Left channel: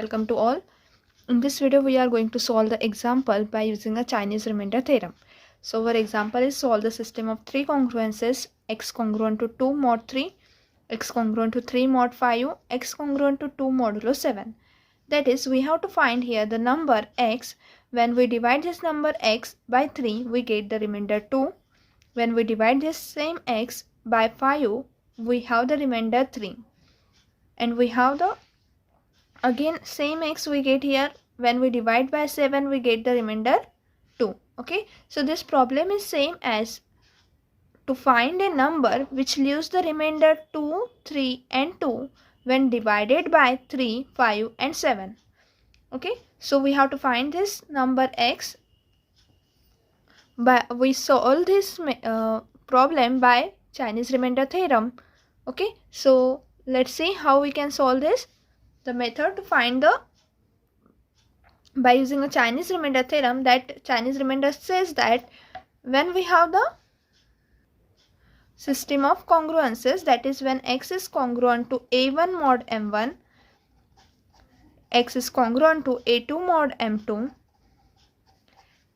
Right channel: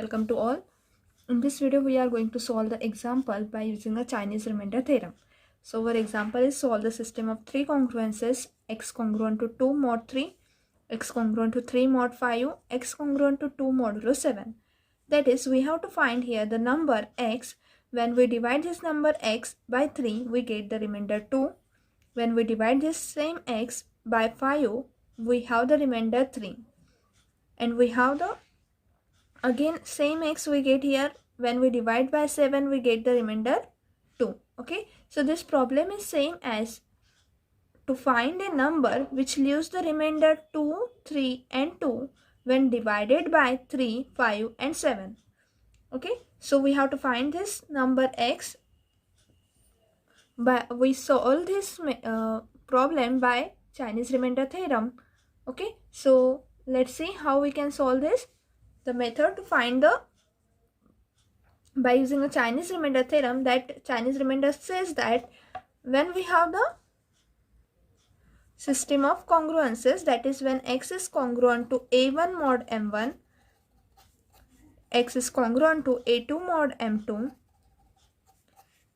Welcome to all. In this video, we are going to solve the example by using a Chinese remainder theorem. So our example is solve the system of three congruences: x congruent to 2 mod 3, x congruent to 3 mod 5, x congruent to 2 modulo 7. That is, we have to find here the number x. When we divide this number x by 3, we get the remainder 2. When we divide this same x by 5, we have the remainder 3. And we have the again same x we get here. When we divide by 7, we get the remainder 2. Okay, so this problem is same as to find a number which leaves the remainder 2, 3 and 2 when divided by 3, 5 and 7. Okay, so we have to find this number x. We solve this problem by Chinese remainder theorem. Okay, so let's see how we can solve this. The method to find the by using a Chinese remainder theorem, that Chinese remainder says that when we have the system of congruences, that is when x is congruent to a1 mod m1, x is congruent to a2 mod m2,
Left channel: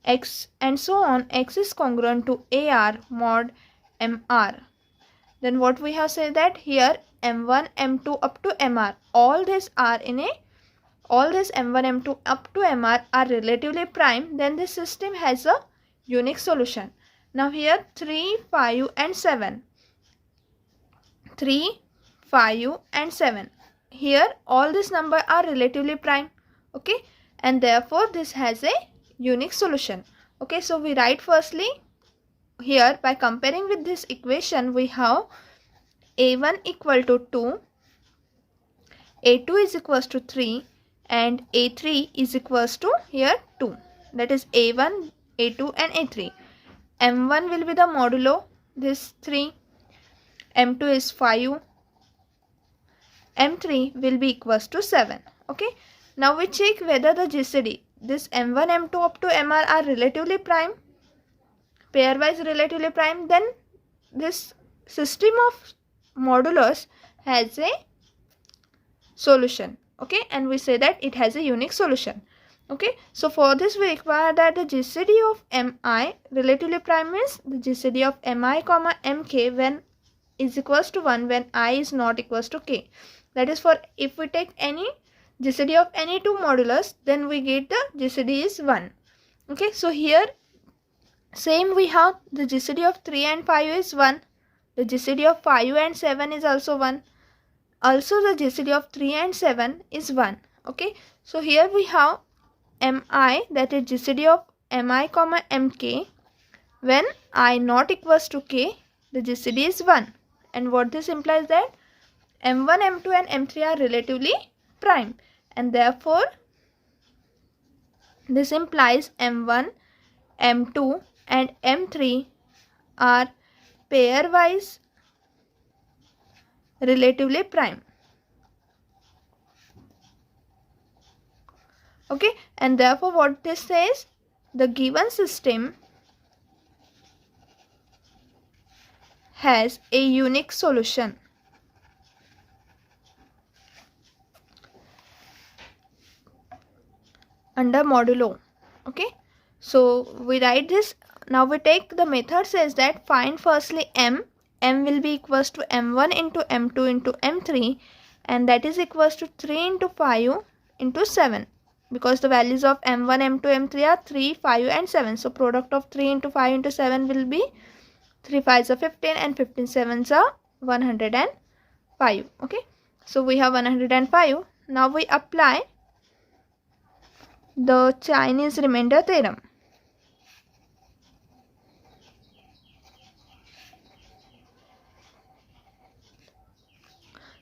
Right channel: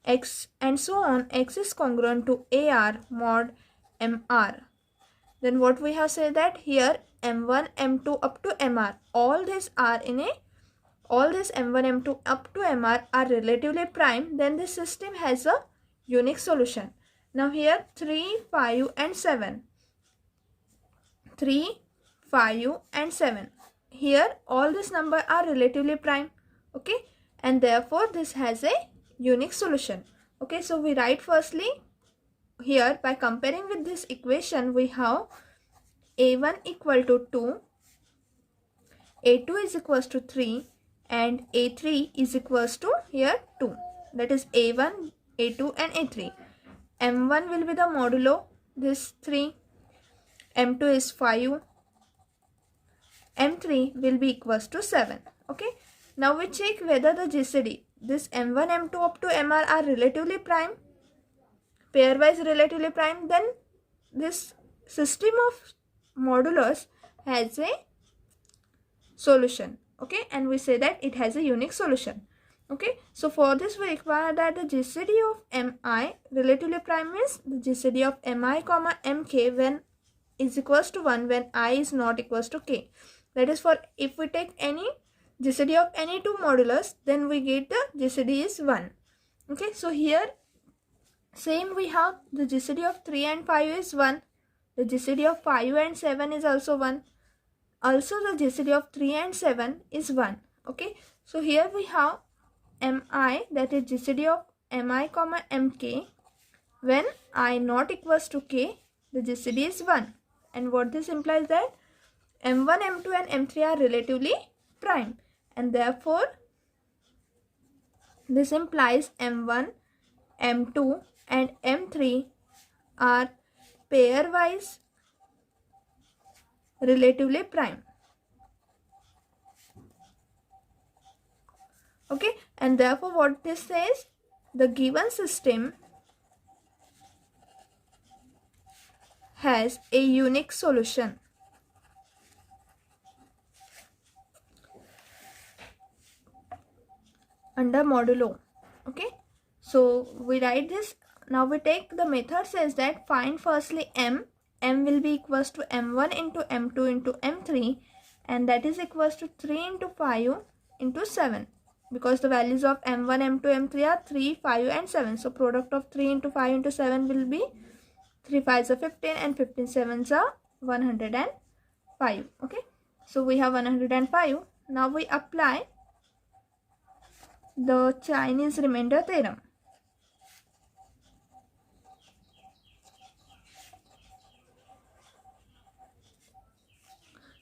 x and so on, x is congruent to ar mod mr, then what we have said that here m1 m2 up to mr, all these m1 m2 up to mr are relatively prime, then this system has a unique solution. Now here 3, 5 and 7. 3, 5 and 7. Here all these numbers are relatively prime. Okay, and therefore this has a unique solution. Okay, so we write firstly here by comparing with this equation, we have a1 equal to 2, a2 is equals to 3 and a3 is equals to here 2. That is a1, a2 and a3. m1 will be the modulo this 3, m2 is 5, m3 will be equals to 7. Okay, now we check whether the GCD, this m1 m2 up to mr are relatively prime, pairwise relatively prime, then this system of modulus has a solution. Okay, and we say that it has a unique solution. Okay, so for this we require that the GCD of mi relatively prime means the GCD of mi comma mk when is equals to 1 when I is not equals to k. That is, for if we take any GCD of any two modulus, then we get the GCD is 1. Okay, so here same we have the GCD of 3 and 5 is 1. The GCD of 5 and 7 is also 1. Also the GCD of 3 and 7 is 1. Okay, so here we have mi, that is GCD of mi comma mk when I not equals to k, the GCD is 1. And what this implies that m1, m2 and m3 are relatively prime, and therefore this implies m1, m2 and m3 are pairwise relatively prime. Okay, and therefore what this says, the given system has a unique solution. Under modulo. Okay, so we write this. Now we take the method says that find firstly m will be equals to m1 into m2 into m3, and that is equals to 3 into 5 into 7, because the values of m1, m2, m3 are 3, 5 and 7. So product of 3 into 5 into 7 will be 3 5s are 15 and 15 7s are 105. Okay, so we have 105. Now we apply the Chinese remainder theorem.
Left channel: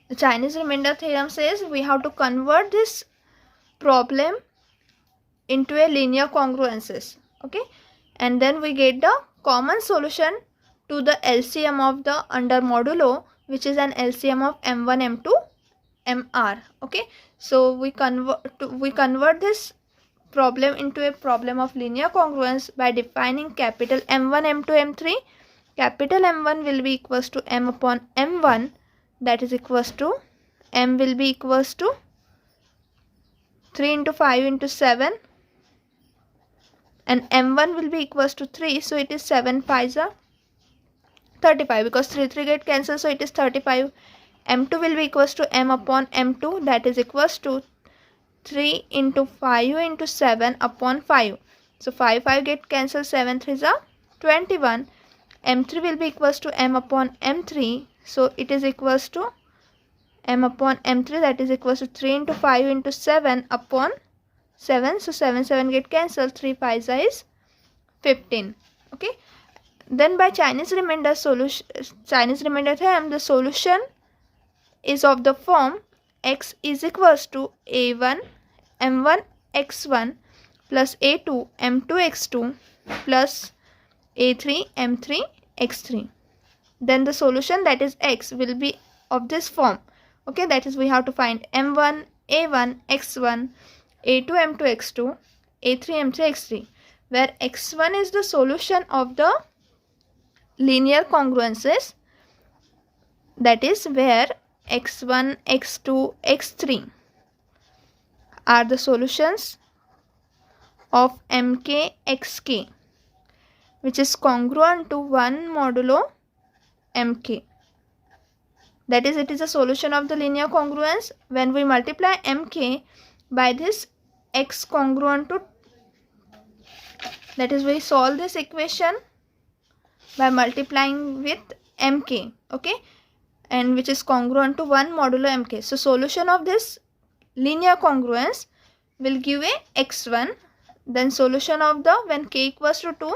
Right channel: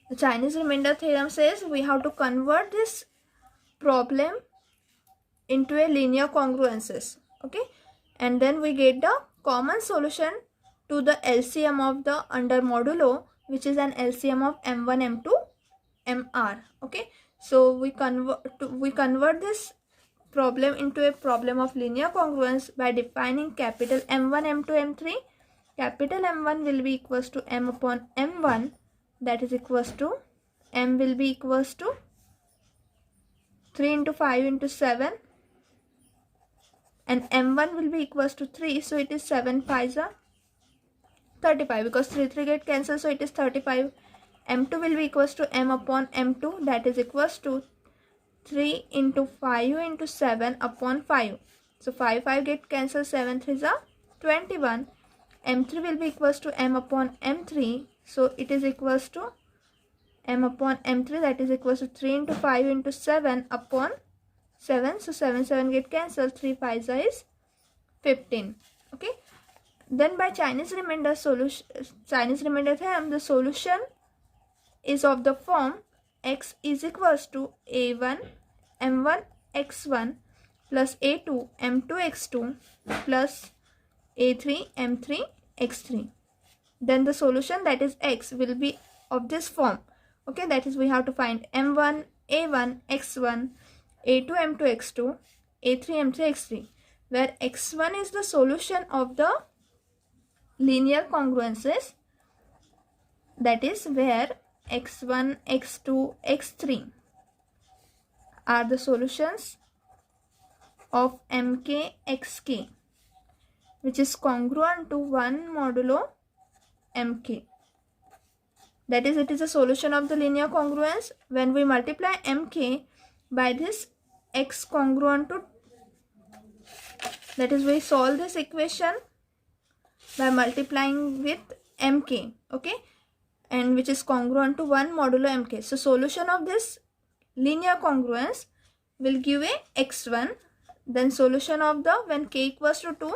The Chinese remainder theorem says we have to convert this problem into a linear congruences. Okay, and then we get the common solution to the LCM of the under modulo, which is an LCM of m1, m2, mr. Okay, so we convert this problem into a problem of linear congruence by defining capital M1, M2, M3. Capital M1 will be equals to M upon M1, that is equals to M will be equals to 3 into 5 into 7, and m1 will be equals to 3, so it is 7 5s are 35, because 3 get cancelled, so it is 35. m2 will be equals to m upon m2, that is equals to 3 into 5 into 7 upon 5. So 5 get cancelled, 7 3s are 21. m3 will be equals to m upon m3, so it is equals to m upon m3, that is equals to 3 into 5 into 7 upon 7. So 7 get cancelled, 3 5s is 15. Okay, then by Chinese remainder theorem, the solution is of the form x is equals to a1 m1 x1 plus a2 m2 x2 plus a3 m3 x3. Then the solution, that is x, will be of this form. Okay, that is we have to find m1 a1 x1 a2 m2 x2 a3 m3 x3, where x1 is the solution of the linear congruences, that is where x1 x2 x3 are the solutions of mk xk, which is congruent to 1 modulo mk. That is, it is a solution of the linear congruence when we multiply mk by this x congruent to, that is, we solve this equation by multiplying with mk, okay, and which is congruent to 1 modulo mk. So solution of this linear congruence will give a x1. Then solution of the, when k equals to 2,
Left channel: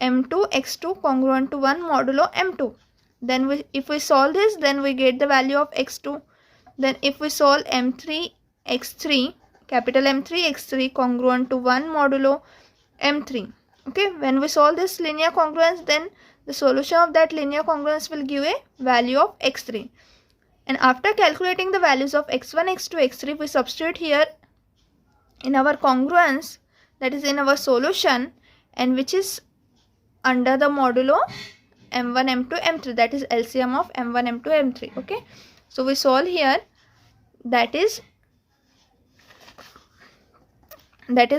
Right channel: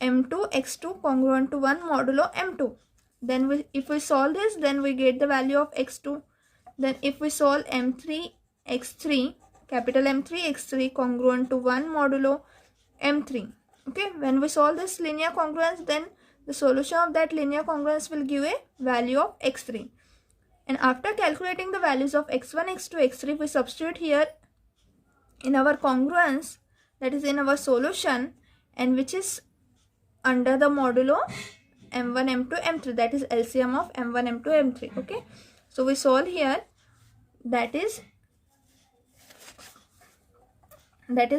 m2 x2 congruent to 1 modulo m2. Then if we solve this, then we get the value of x2. Then if we solve m3 x3, capital M3 x3 congruent to 1 modulo m3. Okay, when we solve this linear congruence, then the solution of that linear congruence will give a value of x3. And after calculating the values of x1 x2 x3, we substitute here in our congruence, that is in our solution, and which is under the modulo m1 m2 m3, that is LCM of m1 m2 m3. Okay, so we solve here, that is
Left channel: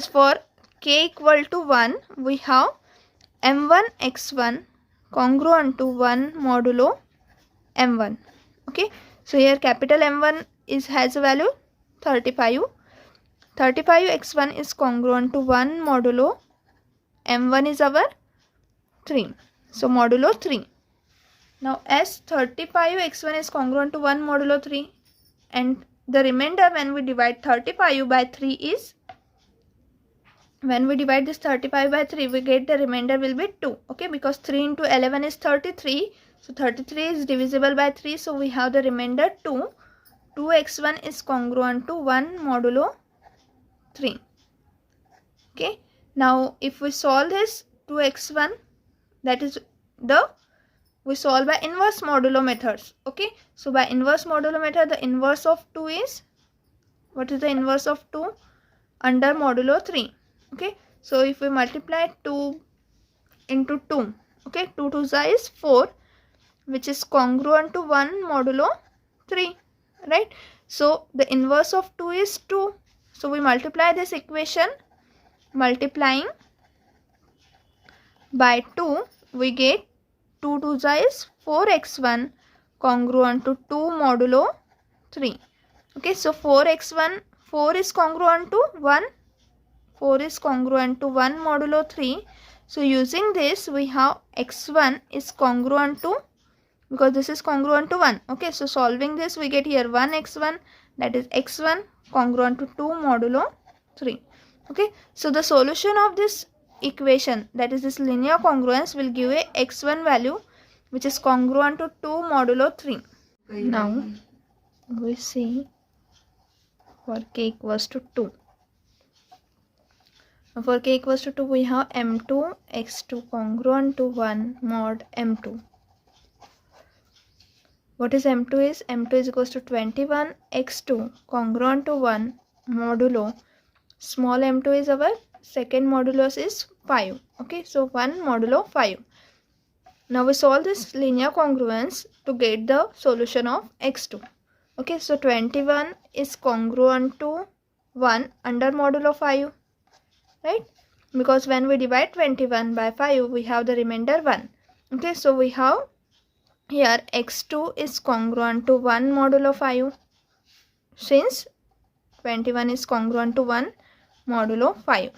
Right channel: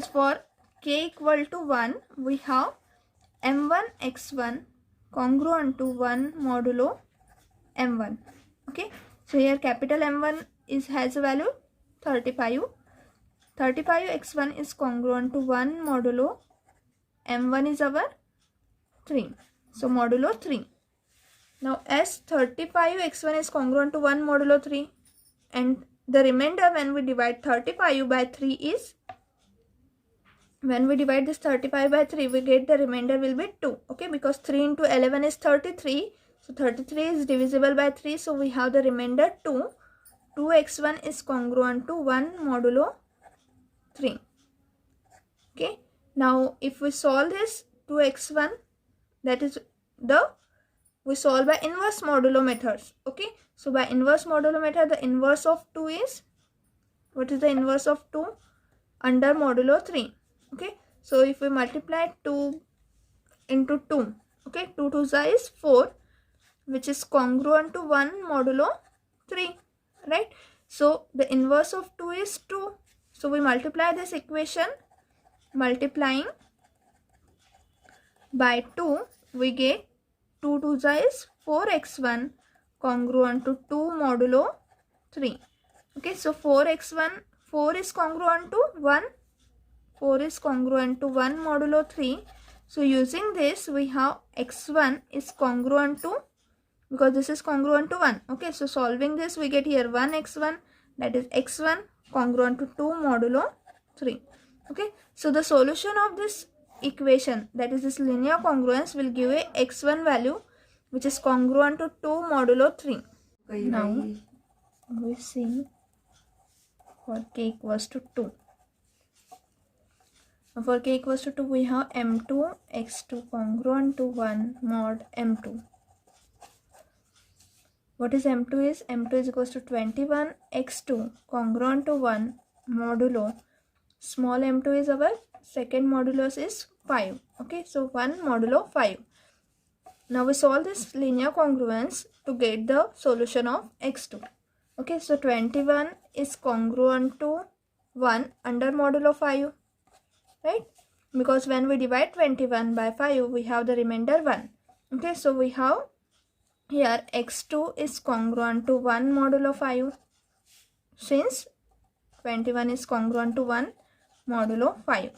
for k equal to 1, we have m1 x1 congruent to 1 modulo m1. Okay, so here capital M1 has a value 35. 35 x1 is congruent to 1 modulo m1 is our 3. So modulo 3. Now as 35 x1 is congruent to 1 modulo 3, and the remainder when we divide 35 by 3 is, when we divide this 35 by 3, we get the remainder will be 2. Okay, because 3 into 11 is 33. So 33 is divisible by 3. So we have the remainder 2. 2x1 is congruent to 1 modulo 3. Okay, now if we solve this 2x1, that is we solve by inverse modulo methods. Okay, so by inverse modulo method, the inverse of 2 is, what is the inverse of 2? Under modulo 3. Okay, so if we multiply 2 into 2, okay, 2 2 is 4, which is congruent to 1 modulo 3, right? So the inverse of 2 is 2. So we multiply this equation, multiplying by 2, we get 2 2 is 4x1 congruent to 2 modulo 3. Okay, so 4x1, 4 is congruent to 1. 4 is congruent to 1 modulo 3. So using this, we have x1 is congruent to, because this is congruent to 1. Okay, so solving this, we get here 1 x1, that is x1 congruent to 2 modulo 3. Okay, so the solution of this equation, that is this linear congruence, will give a x1 value which is congruent to 2 modulo 3. Now we see for k equals to 2. For k equals to 2, we have m2 x2 congruent to 1 mod m2. What is m2 is? m2 is equals to 21 x2 congruent to 1 modulo. Small m2 is our second modulus is 5. Okay, so 1 modulo 5. Now we solve this linear congruence to get the solution of x2. Okay, so 21 is congruent to 1 under modulo 5, right? Because when we divide 21 by 5, we have the remainder 1. Okay, so we have here x2 is congruent to 1 modulo 5, since 21 is congruent to 1 modulo 5.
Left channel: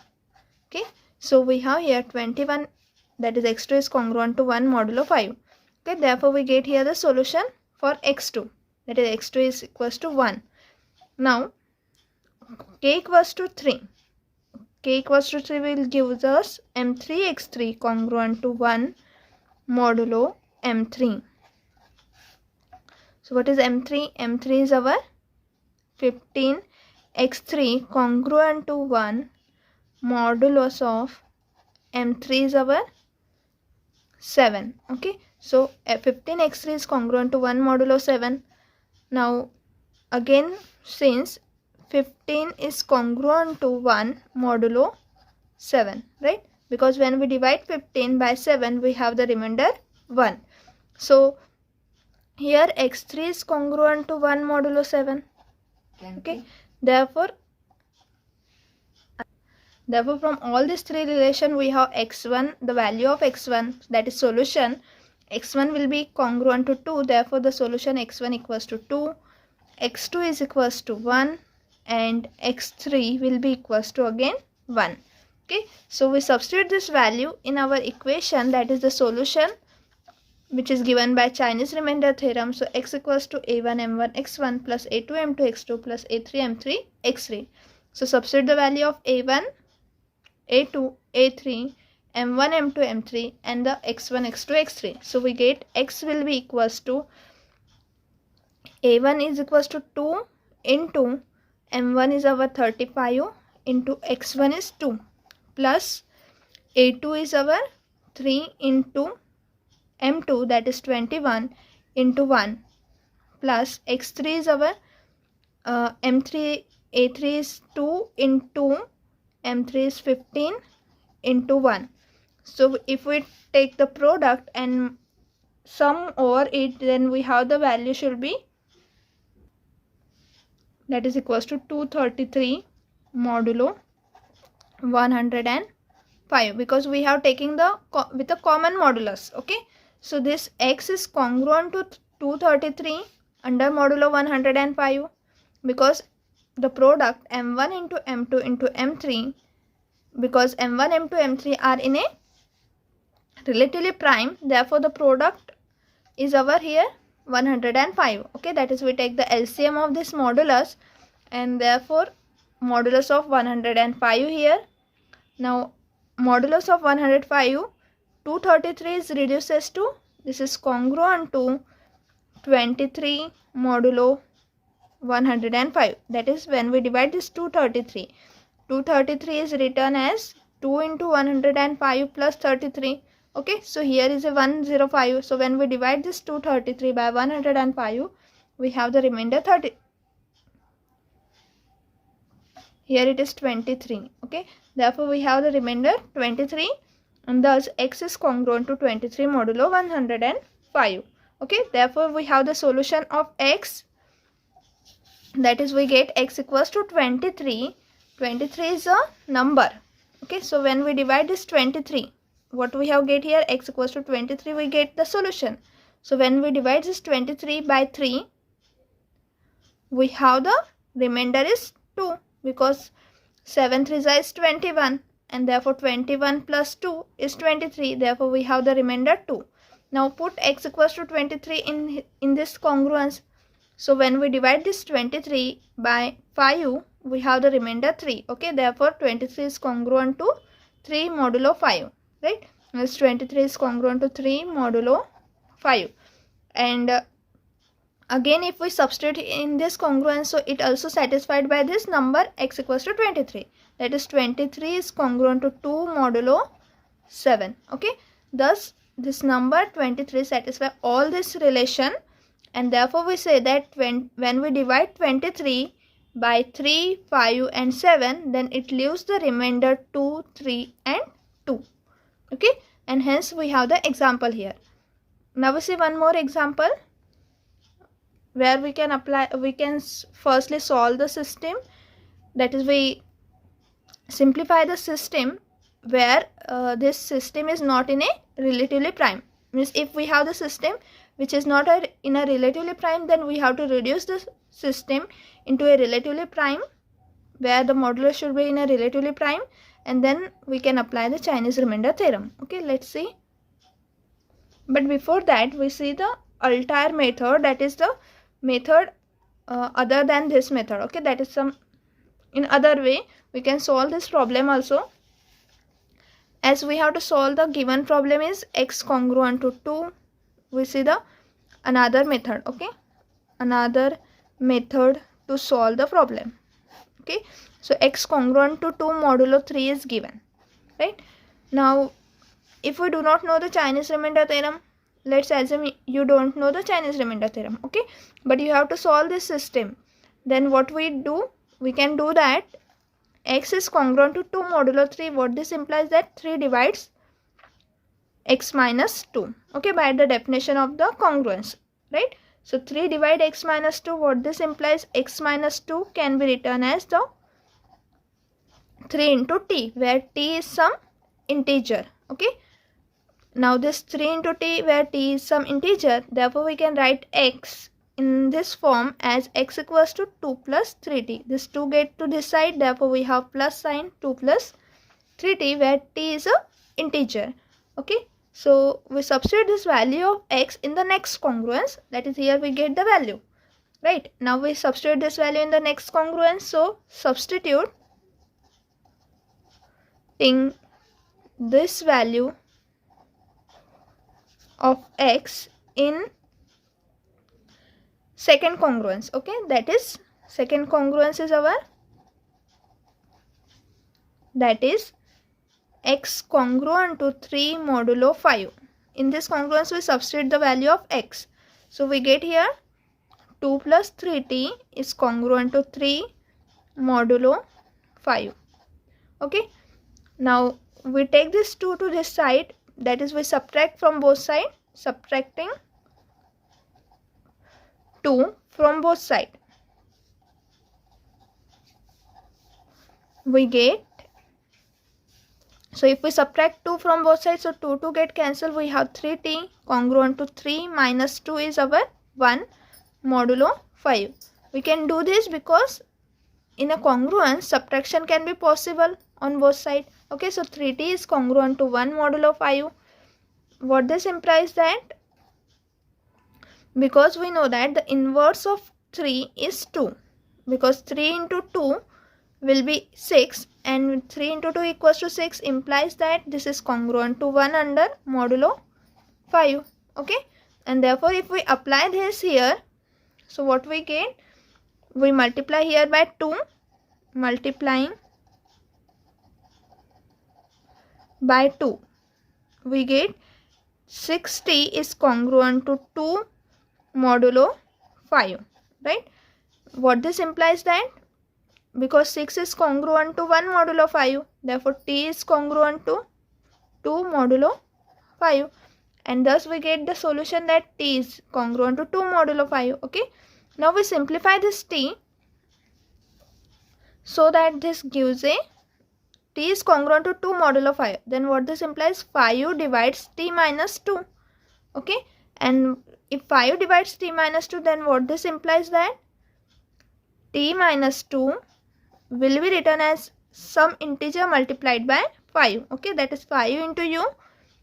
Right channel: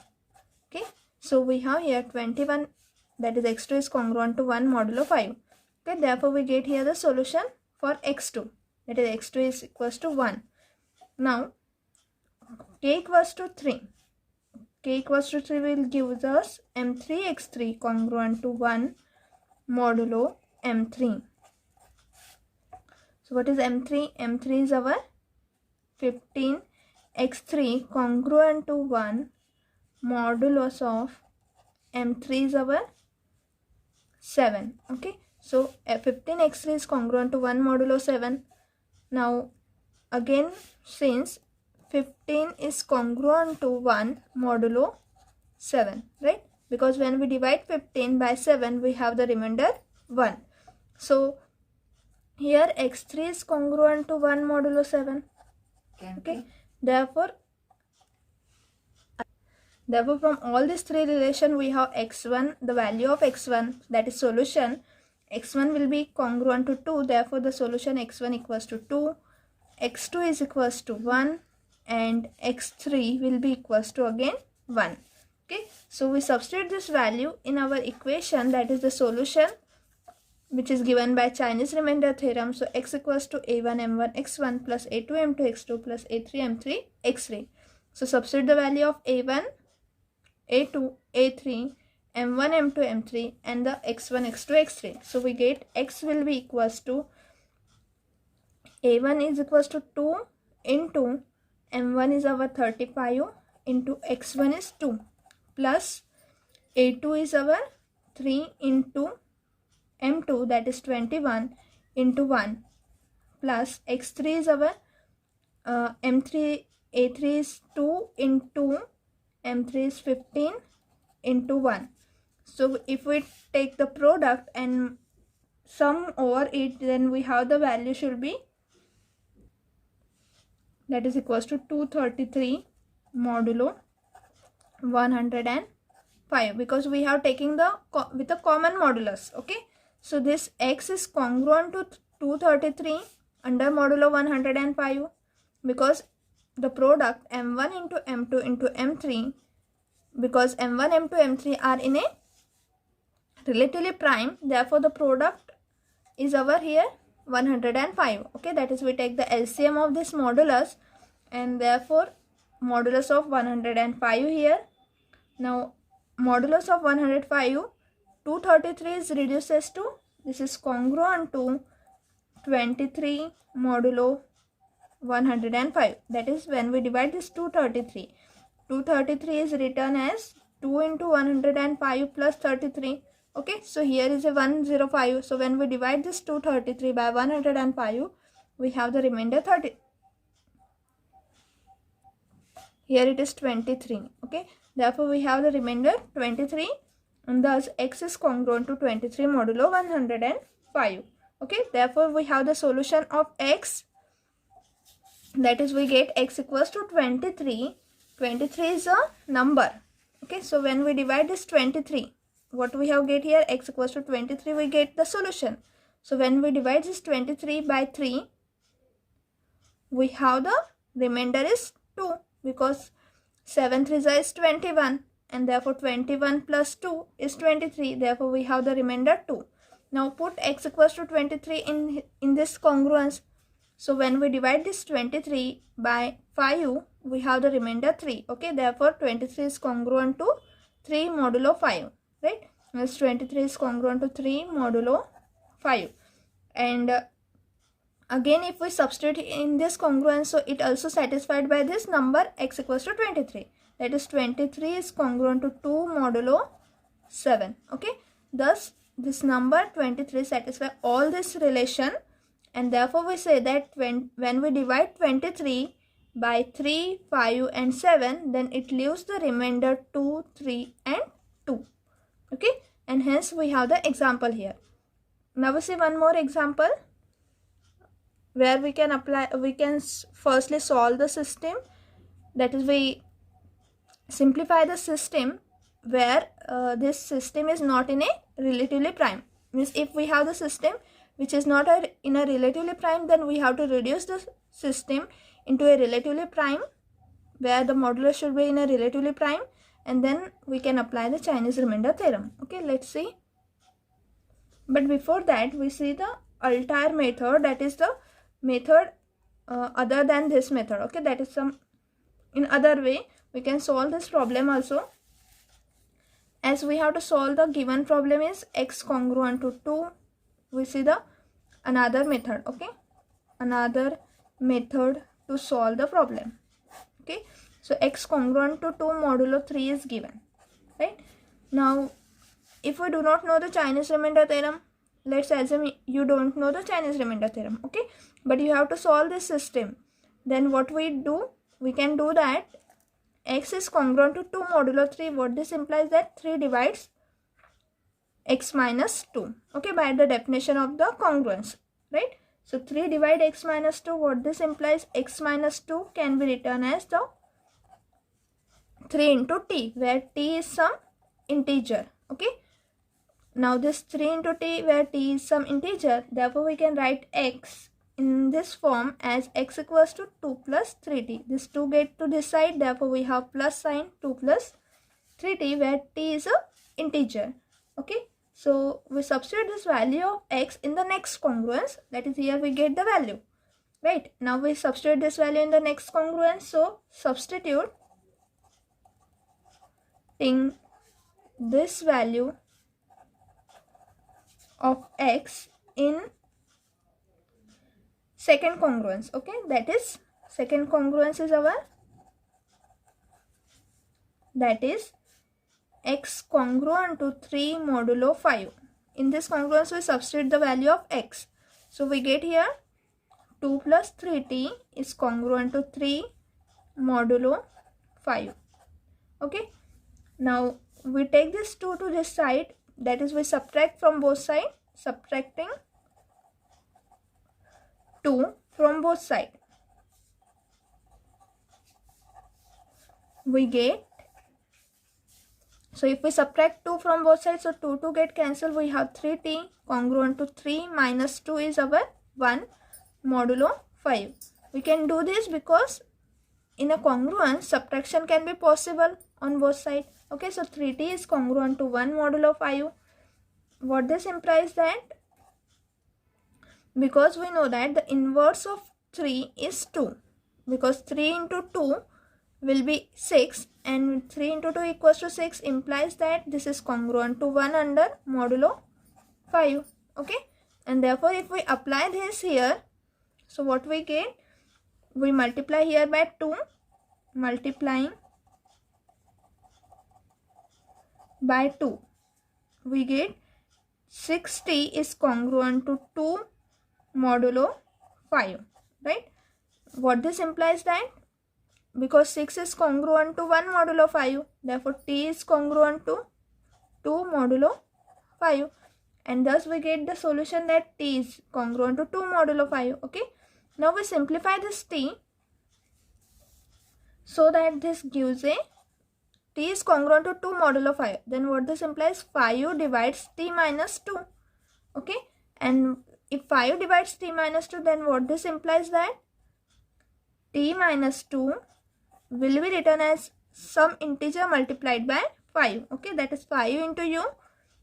Okay, so we have here 21, that is x2 is congruent to 1 modulo 5. Okay, therefore we get here the solution for x2, that is x2 is equals to 1. Now k equals to 3. K equals to 3 will give us m3x3 congruent to 1 modulo m3. So what is m3? m3 is our 15, x3 congruent to 1 modulus of m3 is our 7. Okay, so 15x3 is congruent to 1 modulo 7. Now again, since 15 is congruent to 1 modulo 7, right? Because when we divide 15 by 7, we have the remainder 1. So here x3 is congruent to 1 modulo 7. Okay, therefore from all these three relations, we have x1, the value of x1, that is solution, x1 will be congruent to 2, therefore the solution x1 equals to 2, x2 is equals to 1, and x3 will be equals to again 1. Okay, so we substitute this value in our equation, that is the solution which is given by Chinese remainder theorem. So x equals to a1 m1 x1 plus a2 m2 x2 plus a3 m3 x3. So substitute the value of a1, a2, a3, m1 m2 m3 and the x1 x2 x3. So we get x will be equals to a1 is equals to 2 into m1 is our 35 into x1 is 2 plus a2 is our 3 into m2, that is 21 into 1 plus x3 is our m3, a3 is 2 into m3 is 15 into 1. So if we take the product and sum over it, then we have the value should be, that is equals to 233 modulo 105, because we have taken the with a common modulus. Okay, so this x is congruent to 233 under modulo 105, because the product m1 into m2 into m3, because m1 m2 m3 are in a relatively prime, therefore the product is our here 105. Okay, that is we take the LCM of this modulus, and therefore modulus of 105 here. Now modulus of 105, 233 is reduces to, this is congruent to 23 modulo 105, that is when we divide this 233 is written as 2 into 105 plus 33. Okay, so here is a 105, so when we divide this 233 by 105, we have the remainder 30. Here it is 23. Okay, therefore we have the remainder 23, and thus x is congruent to 23 modulo 105. Okay, therefore we have the solution of x, that is we get x equals to 23. 23 is a number. Okay, so when we divide this 23, what we have get here, x equals to 23, we get the solution. So when we divide this 23 by 3, we have the remainder is 2, because 7 3 is 21, and therefore 21 plus 2 is 23, therefore we have the remainder 2. Now put x equals to 23 in this congruence. So when we divide this 23 by 5, we have the remainder 3. Okay, therefore 23 is congruent to 3 modulo 5, right? This 23 is congruent to 3 modulo 5. And again, if we substitute in this congruence, so it also satisfied by this number x equals to 23. That is 23 is congruent to 2 modulo 7. Okay, thus this number 23 satisfies all this relation, and therefore we say that when we divide 23 by 3, 5 and 7, then it leaves the remainder 2, 3 and 2. Okay, and hence we have the example here. Now we see one more example where we can firstly solve the system, that is, we simplify the system where this system is not in a relatively prime. Means if we have the system which is not in a relatively prime, then we have to reduce the system into a relatively prime where the modulus should be in a relatively prime, and then we can apply the Chinese remainder theorem. Okay, let's see. But before that, we see the Altair method, that is the method other than this method. Okay, that is some in other way we can solve this problem also. As we have to solve the given problem is x congruent to 2, we see the another method. Okay, another method to solve the problem. Okay, so x congruent to 2 modulo 3 is given, right? Now if we do not know the Chinese remainder theorem, let's assume you don't know the Chinese remainder theorem, okay, but you have to solve this system. Then what we do, we can do that x is congruent to 2 modulo 3. What this implies, that 3 divides x minus 2, okay, by the definition of the congruence, right? So 3 divide x minus 2, what this implies, x minus 2 can be written as the 3 into t, where t is some integer, okay. Now this 3 into t, where t is some integer, therefore we can write x in this form as x equals to 2 plus 3t. This 2 get to this side, therefore we have plus sign 2 plus 3t, where t is a integer, okay. So we substitute this value of x in the next congruence, that is here we get the value, right? Now we substitute this value in the next congruence, so substituting this value of x in second congruence, okay, that is second congruence is our, that is x congruent to 3 modulo 5. In this congruence we substitute the value of x, so we get here 2 plus 3t is congruent to 3 modulo 5, okay. Now we take this 2 to this side, that is we subtract from both sides, subtracting 2 from both sides, we get, so if we subtract 2 from both sides, so 2 get cancelled, we have 3t congruent to 3 minus 2 is our 1 modulo 5. We can do this because in a congruence subtraction can be possible on both sides, okay. So 3t is congruent to 1 modulo 5. What this implies, that because we know that the inverse of 3 is 2, because 3 into 2 will be 6, and 3 into 2 equals to 6 implies that this is congruent to 1 under modulo 5, okay. And therefore if we apply this here, so what we get, we multiply here by 2, multiplying by 2, we get 6t is congruent to 2 modulo 5, right? What this implies, that because 6 is congruent to 1 modulo 5, therefore t is congruent to 2 modulo 5, and thus we get the solution that t is congruent to 2 modulo 5, okay. Now we simplify this t so that this gives a t is congruent to 2 modulo 5, then what this implies, 5 divides t minus 2, okay. And if 5 divides t minus 2, then what this implies, that t minus 2 will be written as some integer multiplied by 5, okay, that is 5 into u.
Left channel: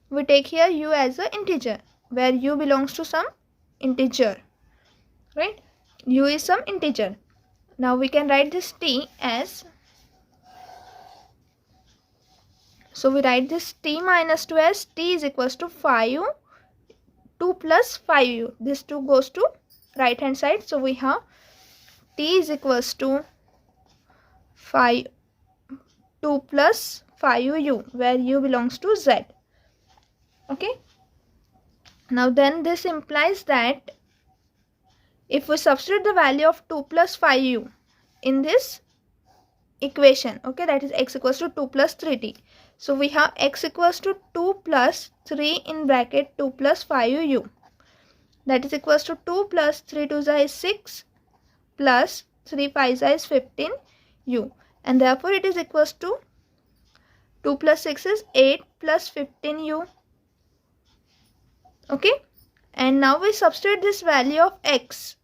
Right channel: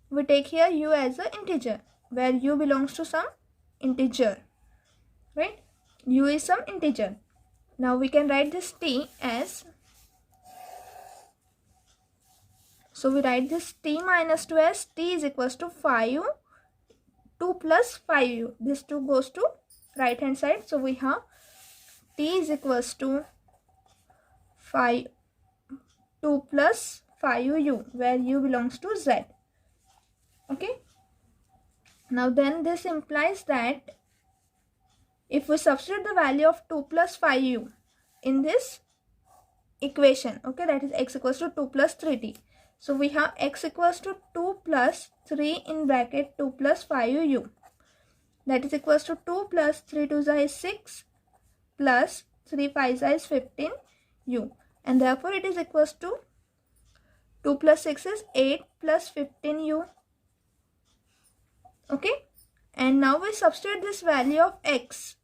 We take here u as an integer, where u belongs to some integer, right? U is some integer. Now we can write this t as, so we write this t minus 2 as t is equals to 5, 2 plus 5u. This 2 goes to right hand side, so we have t is equals to 5, 2 plus 5u, where u belongs to z, okay. Now then this implies that if we substitute the value of 2 plus 5u in this equation, okay, that is x equals to 2 plus 3t. So we have x equals to 2 plus 3 in bracket 2 plus 5u, that is equals to 2 plus 3 2 is 6 plus 3 5 is 15 u, and therefore it is equals to 2 plus 6 is 8 plus 15u. Okay, and now we substitute this value of x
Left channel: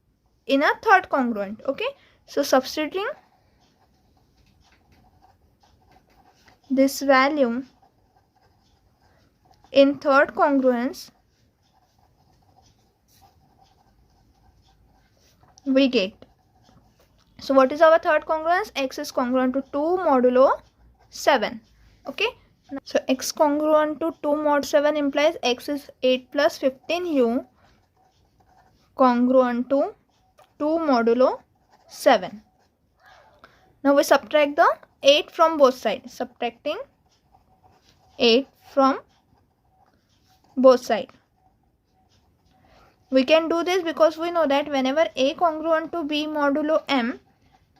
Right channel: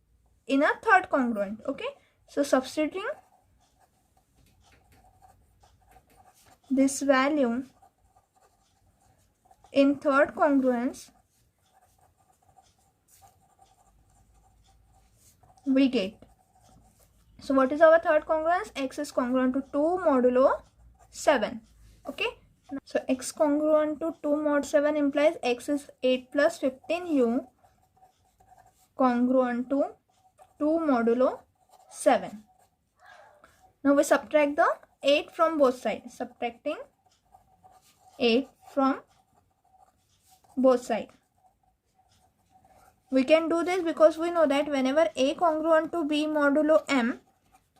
in a third congruent. Okay, so substituting this value in third congruence, we get, so what is our third congruence? X is congruent to 2 modulo 7. Okay, so x congruent to 2 mod 7 implies x is 8 plus 15u congruent to 2 modulo 7. Now we subtract the 8 from both sides, subtracting 8 from both sides. We can do this because we know that whenever a congruent to b modulo m,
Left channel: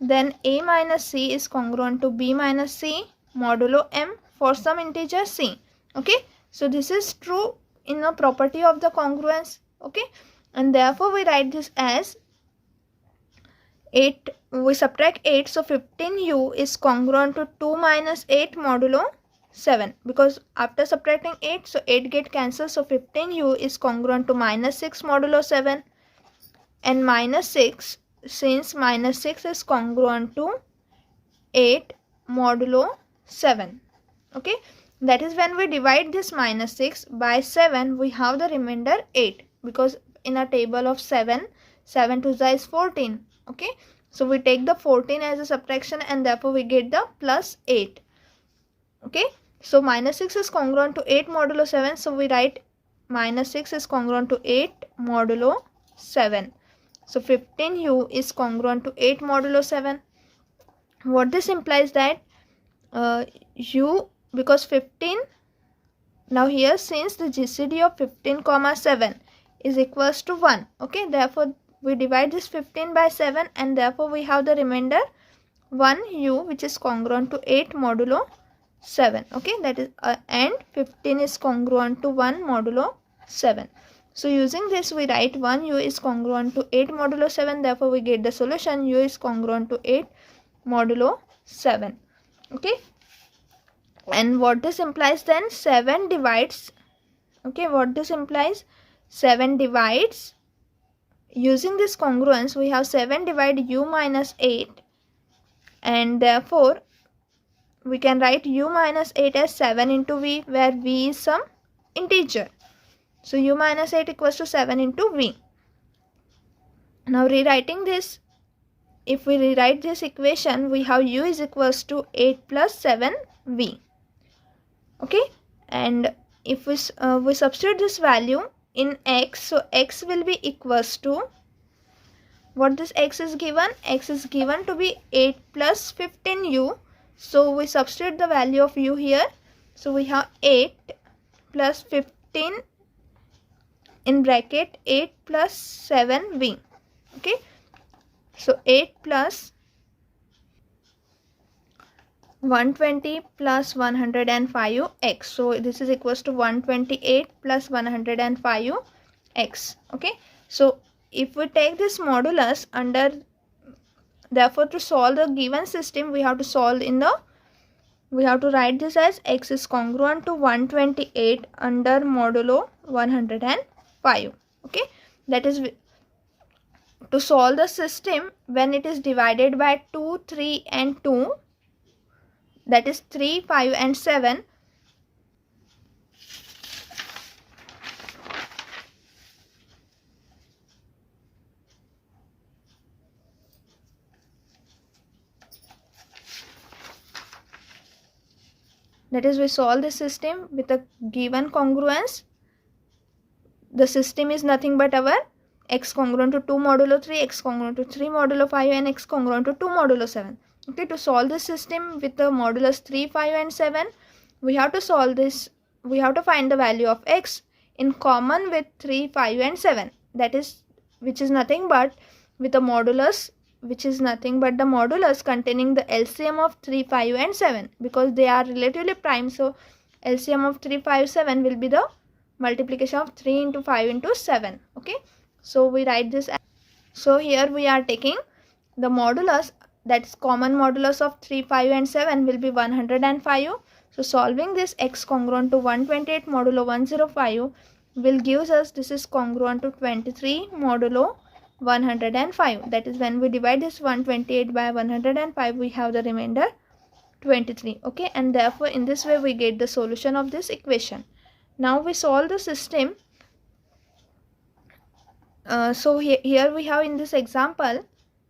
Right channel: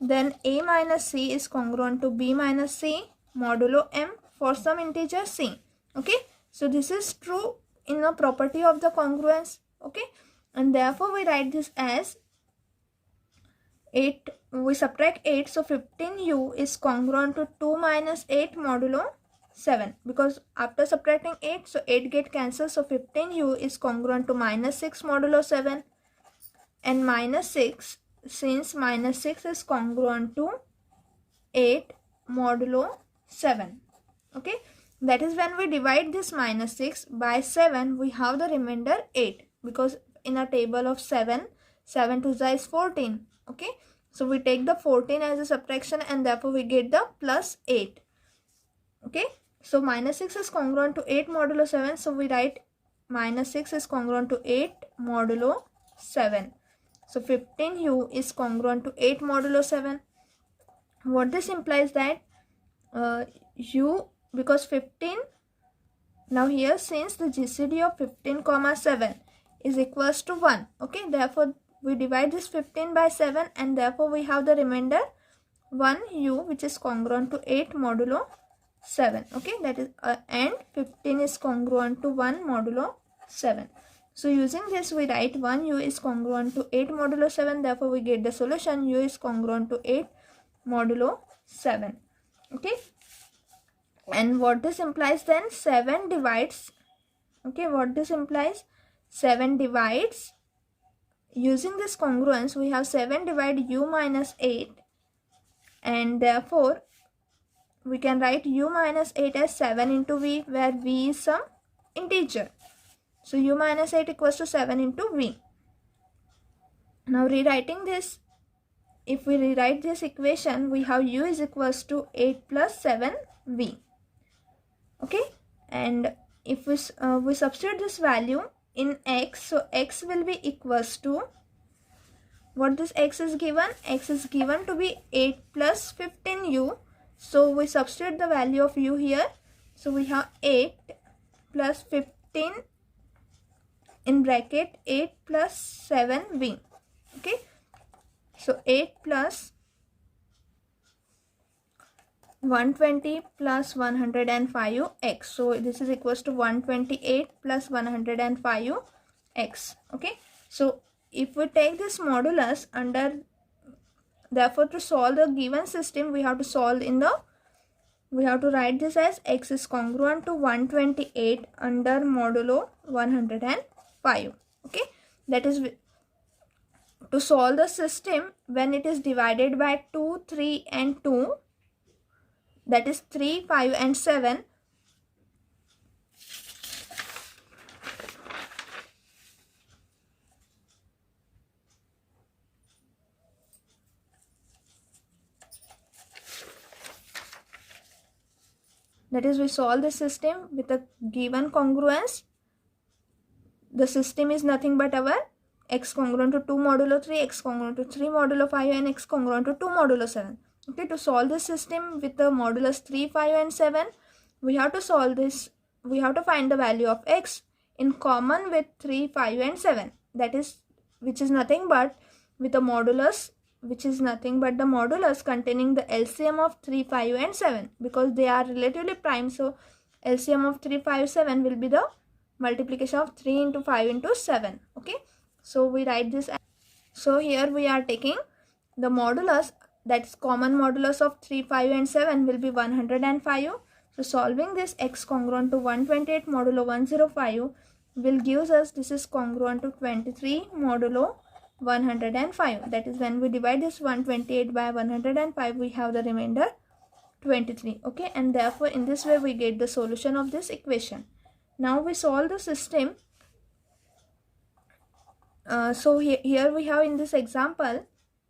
then a minus c is congruent to b minus c modulo m for some integer c. Okay, so this is true in the property of the congruence. Okay, and therefore we write this as 8, we subtract 8, so 15u is congruent to 2 minus 8 modulo 7, because after subtracting 8, so 8 get cancelled, so 15u is congruent to minus 6 modulo 7, and minus 6, since minus 6 is congruent to 8 modulo 7. Okay, that is when we divide this minus 6 by 7, we have the remainder 8, because in a table of 7, 7 to the is 14. Okay, so we take the 14 as a subtraction, and therefore we get the plus 8. Okay, so minus 6 is congruent to 8 modulo 7, so we write minus 6 is congruent to 8 modulo 7. So 15u is congruent to 8 modulo 7. What this implies that u, because 15, now here since the GCD of 15 comma 7 is equals to 1. Okay, therefore we divide this 15 by 7, and therefore we have the remainder 1u, which is congruent to 8 modulo 7. Okay, that is and 15 is congruent to 1 modulo 7. So using this we write 1u is congruent to 8 modulo 7, therefore we get the solution u is congruent to 8 modulo 7. Okay, and what this implies then, 7 divides, okay, what this implies, 7 divides, using this congruence we have 7 divide u minus 8, and therefore we can write u minus 8 as 7 into v, where v is some integer. So u minus 8 equals to 7 into v. Now rewriting this, if we rewrite this equation, we have u is equals to 8 plus 7v. Okay, and if we substitute this value in x, so x will be equals to, what this x is given? X is given to be 8 plus 15u. So we substitute the value of u here. So we have 8 plus 15 in bracket 8 plus 7v. Okay, so 8 plus 120 plus 105x. So this is equals to 128 plus 105x. Okay, so if we take this modulus under, therefore to solve the given system we have to solve in the, we have to write this as x is congruent to 128 under modulo 105. Okay, that is to solve the system when it is divided by 2, 3 and 2, that is 3, 5 and 7. That is, we solve the system with a given congruence. The system is nothing but our x congruent to 2 modulo 3, x congruent to 3 modulo 5 and x congruent to 2 modulo 7. Okay, to solve this system with the modulus 3, 5 and 7, we have to solve this, we have to find the value of x in common with 3, 5 and 7. That is, which is nothing but with a modulus, which is nothing but the modulus containing the LCM of 3, 5 and 7, because they are relatively prime. So LCM of 3, 5, 7 will be the multiplication of 3 into 5 into 7. Okay, so we write this. So here we are taking the modulus that's common modulus of 3, 5 and 7 will be 105. So solving this x congruent to 128 modulo 105 will gives us this is congruent to 23 modulo 105. That is, when we divide this 128 by 105, we have the remainder 23. Okay, and therefore in this way we get the solution of this equation. Now we solve the system. So here we have in this example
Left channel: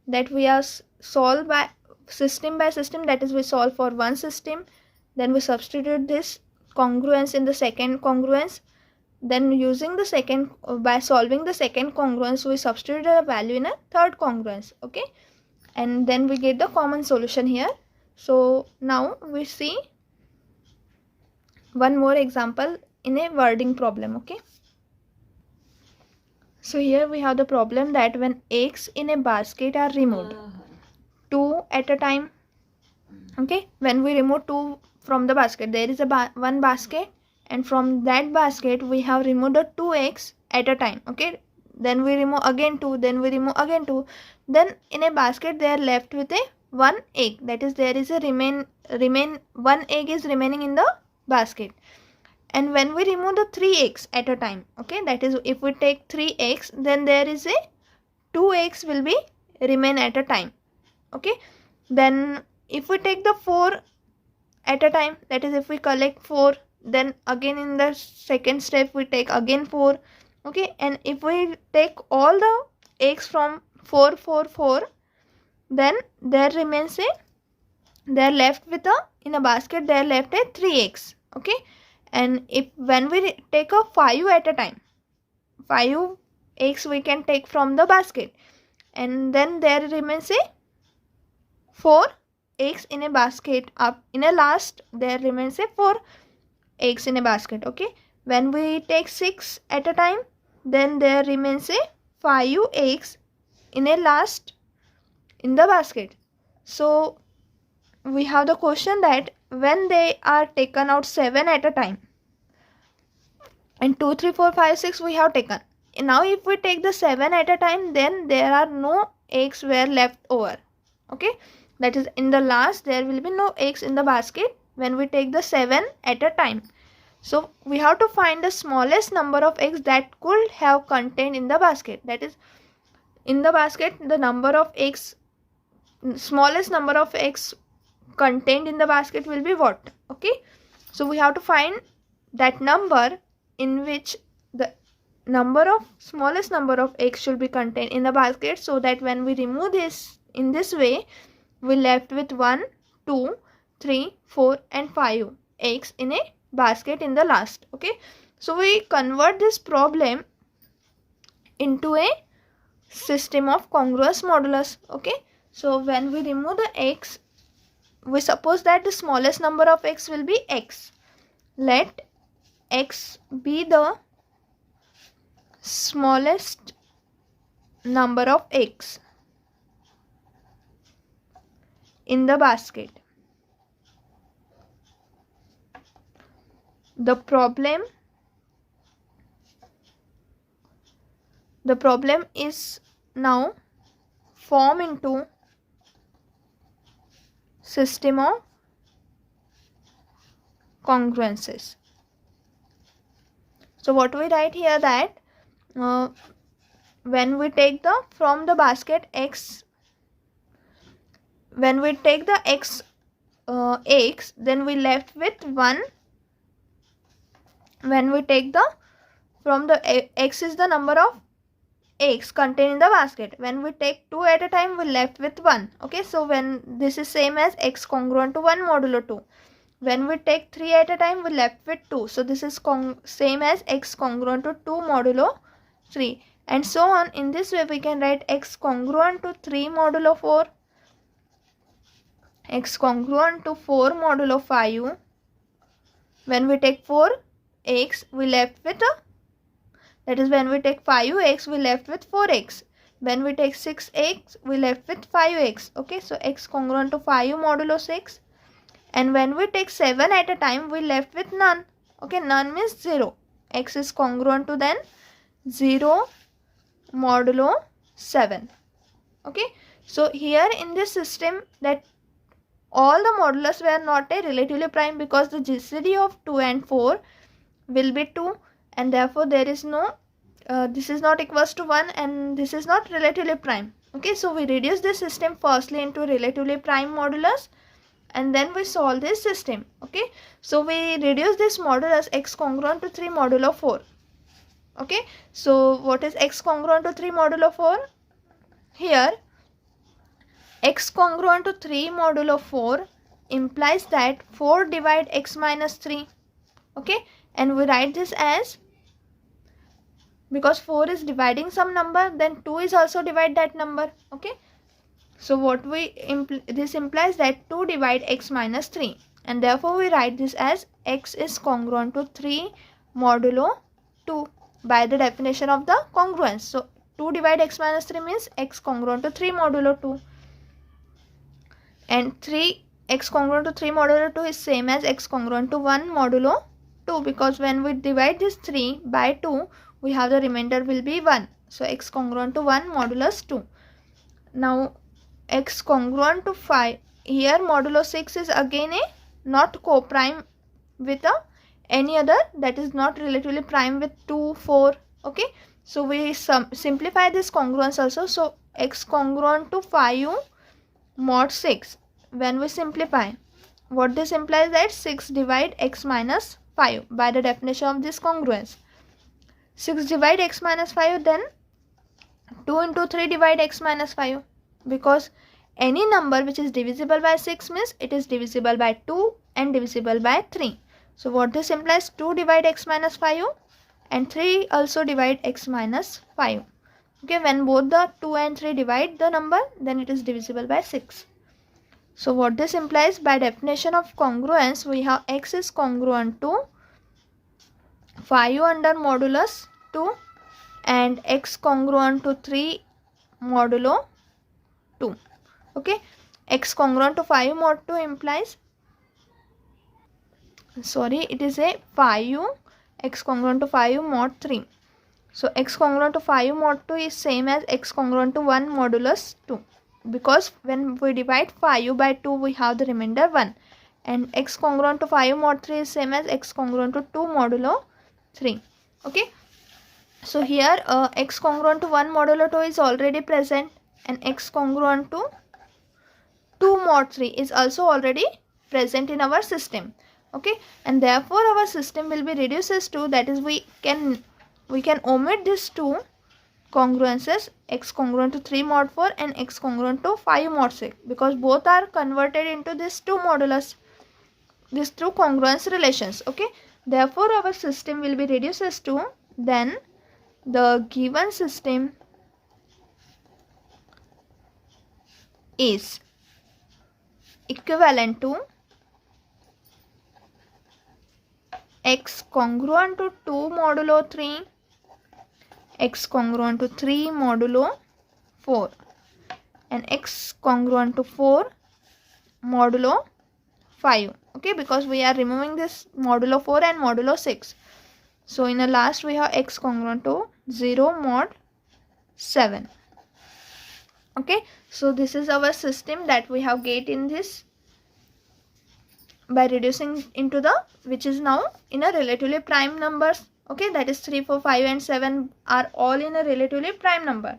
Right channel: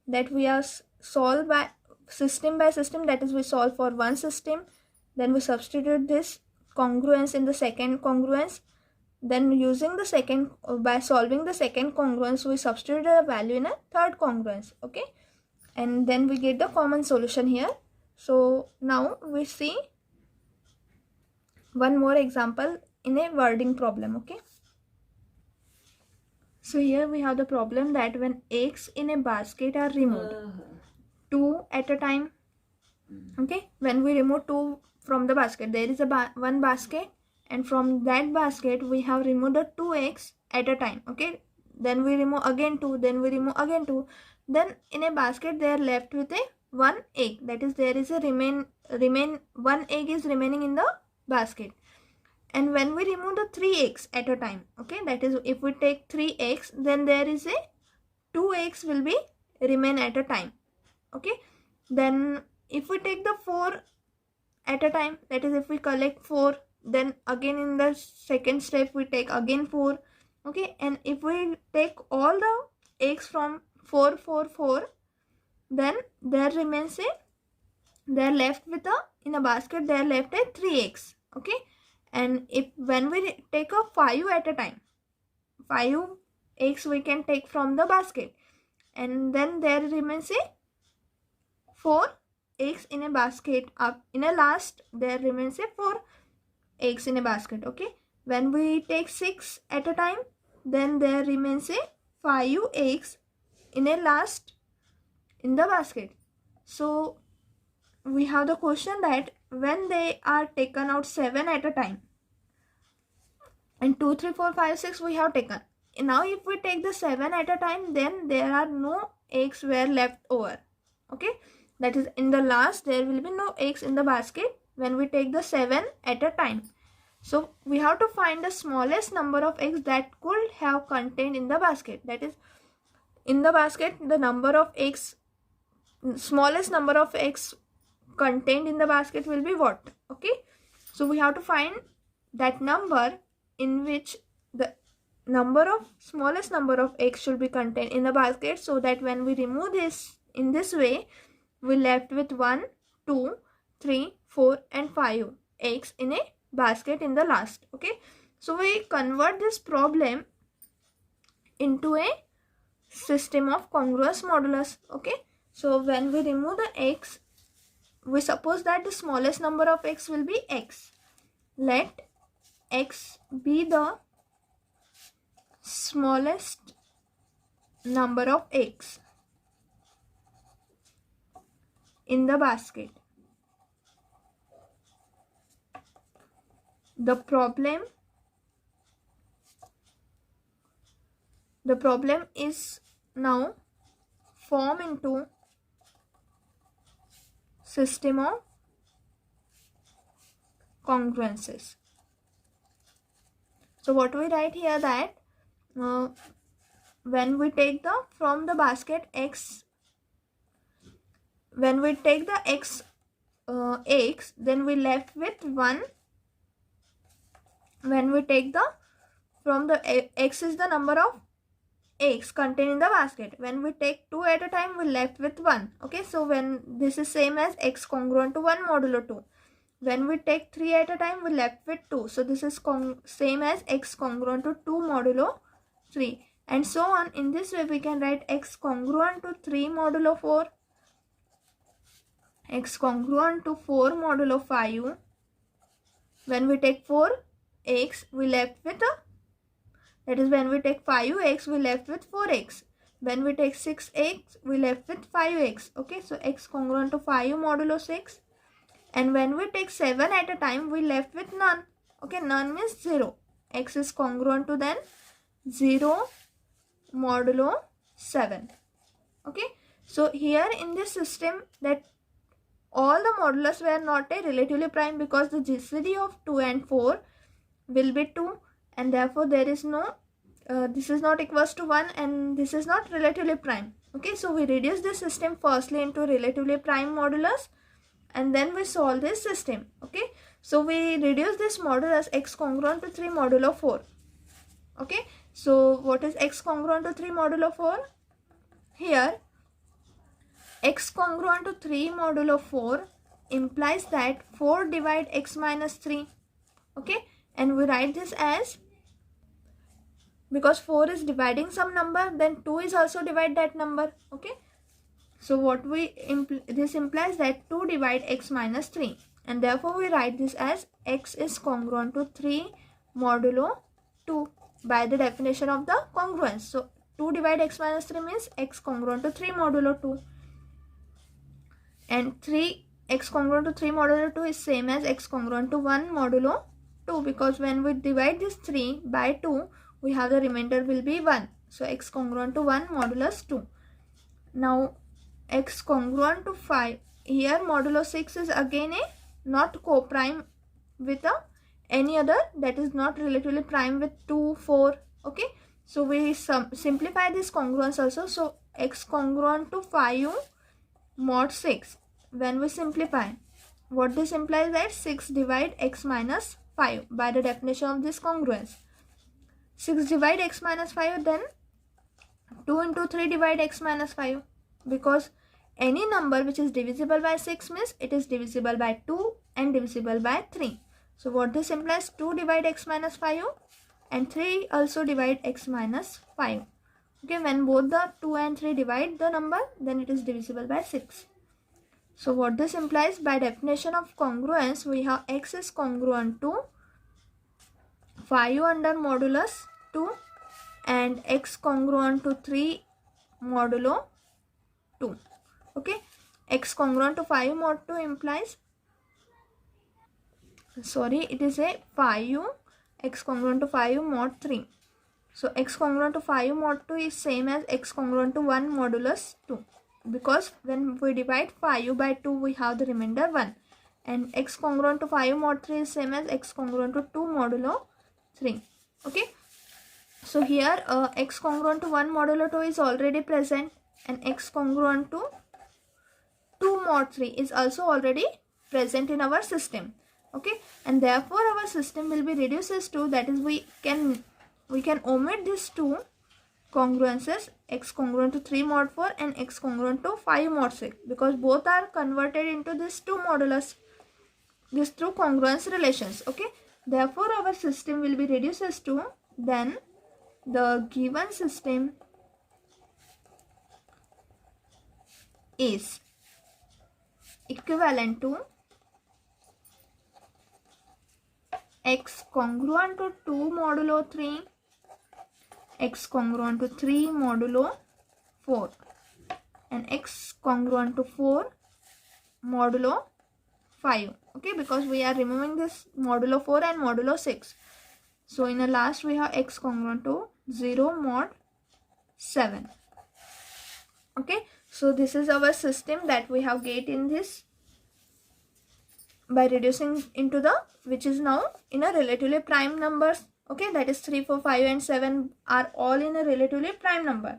that we are solve by system, that is, we solve for one system, then we substitute this congruence in the second congruence, then using the second by solving the second congruence we substitute a value in a third congruence. Okay, and then we get the common solution here. So now we see one more example in a wording problem. Okay, so here we have the problem that when eggs in a basket are removed, 2 at a time. Okay, when we remove 2 from the basket, there is a one basket, and from that basket we have removed the 2 eggs at a time. Okay, then we remove again 2, then we remove again 2, then in a basket they are left with a 1 egg, that is, there is a remain 1 egg is remaining in the basket. And when we remove the 3 eggs at a time, okay, that is, if we take 3 eggs, then there is a 2 eggs will be remain at a time. Okay, then if we take the 4 at a time, that is, if we collect 4, then again in the second step we take again 4. Okay, and if we take all the eggs from 4, 4, 4, then there remains a, they are left with a, in a basket they are left a 3 eggs. Okay, and if when we take a 5 at a time, 5 eggs we can take from the basket, and then there remains a 4 eggs in a basket. Up in a last there remains a 4 eggs in a basket. Okay, when we take 6 at a time, then there remains a 5 eggs in a last in the basket. So we have the question that when they are taken out 7 at a time, and 2, 3, 4, 5, 6 we have taken. Now if we take the 7 at a time, then there are no eggs were left over. Okay, that is, in the last there will be no eggs in the basket when we take the 7 at a time. So we have to find the smallest number of eggs that could have contained in the basket. That is, in the basket the number of eggs, smallest number of eggs contained in the basket will be what? Okay, so we have to find that number in which the smallest number of eggs should be contained in the basket, so that when we remove this in this way, we left with 1, 2, 3, 4 and 5 eggs in a basket in the last. Okay, so we convert this problem into a system of congruous modulus. Okay, so when we remove the eggs, we suppose that the smallest number of eggs will be x. Let x be the smallest number of eggs in the basket. The problem is now formed into system of congruences. So what we write here, that when we take the from the basket x, when we take the x eggs, then we left with 1. When we take the from the x is the number of eggs contained in the basket, when we take 2 at a time, we left with 1. Okay, so when this is same as x congruent to 1 modulo 2. When we take 3 at a time, we left with 2. So this is same as x congruent to 2 modulo 3, and so on. In this way we can write x congruent to 3 modulo 4, x congruent to 4 modulo 5. When we take 4 x, we left with a, that is, when we take 5 x, we left with 4 x. When we take 6 x, we left with 5 x. Okay, so x congruent to 5 modulo 6. And when we take 7 at a time, we left with none. Okay, none means 0. X is congruent to then 0 modulo 7. Okay, So here in this system, that all the modulus were not a relatively prime, because the GCD of 2 and 4 will be 2, and therefore there is no this is not equals to 1 and this is not relatively prime. Okay, so we reduce this system firstly into relatively prime modulus and then we solve this system. Okay, so we reduce this modulus x congruent to 3 modulo 4. Okay, so what is x congruent to 3 modulo 4? Here x congruent to 3 modulo 4 implies that 4 divide x minus 3. Okay, and we write this as, because 4 is dividing some number, then 2 is also divide that number. Okay, so what we this implies that 2 divide x minus 3, and therefore we write this as x is congruent to 3 modulo 2 by the definition of the congruence. So 2 divide x minus 3 means x congruent to 3 modulo 2, and 3 x congruent to 3 modulo 2 is same as x congruent to 1 modulo 2, because when we divide this 3 by 2, we have the remainder will be 1. So x congruent to 1 modulus 2. Now x congruent to 5, here modulo 6 is again a not co-prime with any other, that is not relatively prime with 2, 4. Okay, so we simplify this congruence also. So x congruent to 5 mod 6, when we simplify, what this implies that 6 divide x minus 5 by the definition of this congruence. 6 divide x minus 5, then 2 into 3 divide x minus 5, because any number which is divisible by 6 means it is divisible by 2 and divisible by 3. So what this implies, 2 divide x minus 5 and 3 also divide x minus 5. Okay, when both the 2 and 3 divide the number, then it is divisible by 6. So what this implies, by definition of congruence, we have x is congruent to 5 under modulus 2 and x congruent to 3 modulo 2. Okay, x congruent to 5 mod 2 implies, sorry, it is a 5 x congruent to 5 mod 3. So x congruent to 5 mod 2 is same as x congruent to 1 modulus 2, because when we divide 5 by 2, we have the remainder 1, and x congruent to 5 mod 3 is same as x congruent to 2 modulo 3. Okay, so here x congruent to 1 modulo 2 is already present, and x congruent to 2 mod 3 is also already present in our system. Okay, and therefore our system will be reduced as 2, that is we can omit these two congruences, x congruent to 3 mod 4 and x congruent to 5 mod 6, because both are converted into this 2 modulus, these two congruence relations. Okay, therefore our system will be reduced as 2. Then the given system is equivalent to x congruent to 2 modulo 3, x congruent to 3 modulo 4, and x congruent to 4 modulo 5. Okay, because we are removing this modulo 4 and modulo 6. So in the last we have x congruent to 0 mod 7. Okay, so this is our system that we have get in this by reducing into the, which is now in a relatively prime numbers. Okay, that is 3, 4, 5 and 7 are all in a relatively prime number.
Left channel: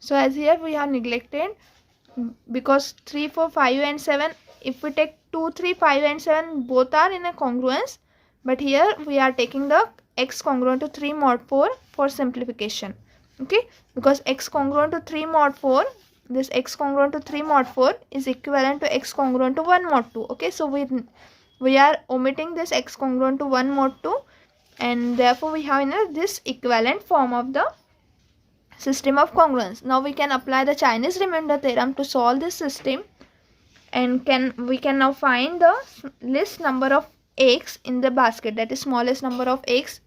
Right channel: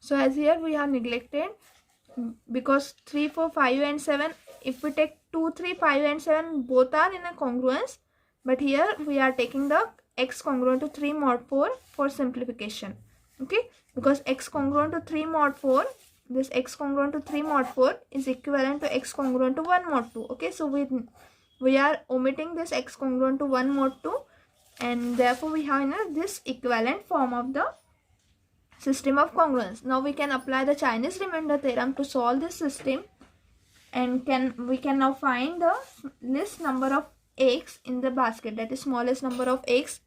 So as here we have neglected, because 3, 4, 5 and 7, if we take 2, 3, 5 and 7, both are in a congruence, but here we are taking the x congruent to 3 mod 4 for simplification. Okay, because x congruent to 3 mod 4, this x congruent to 3 mod 4 is equivalent to x congruent to 1 mod 2. Okay, so we are omitting this x congruent to 1 mod 2, and therefore we have this equivalent form of the system of congruence. Now we can apply the Chinese remainder theorem to solve this system, and we can now find the least number of eggs in the basket, that is smallest number of eggs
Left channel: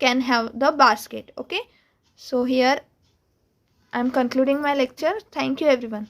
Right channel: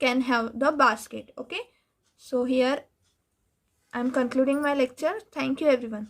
can have the basket. Okay, so here I am concluding my lecture. Thank you everyone.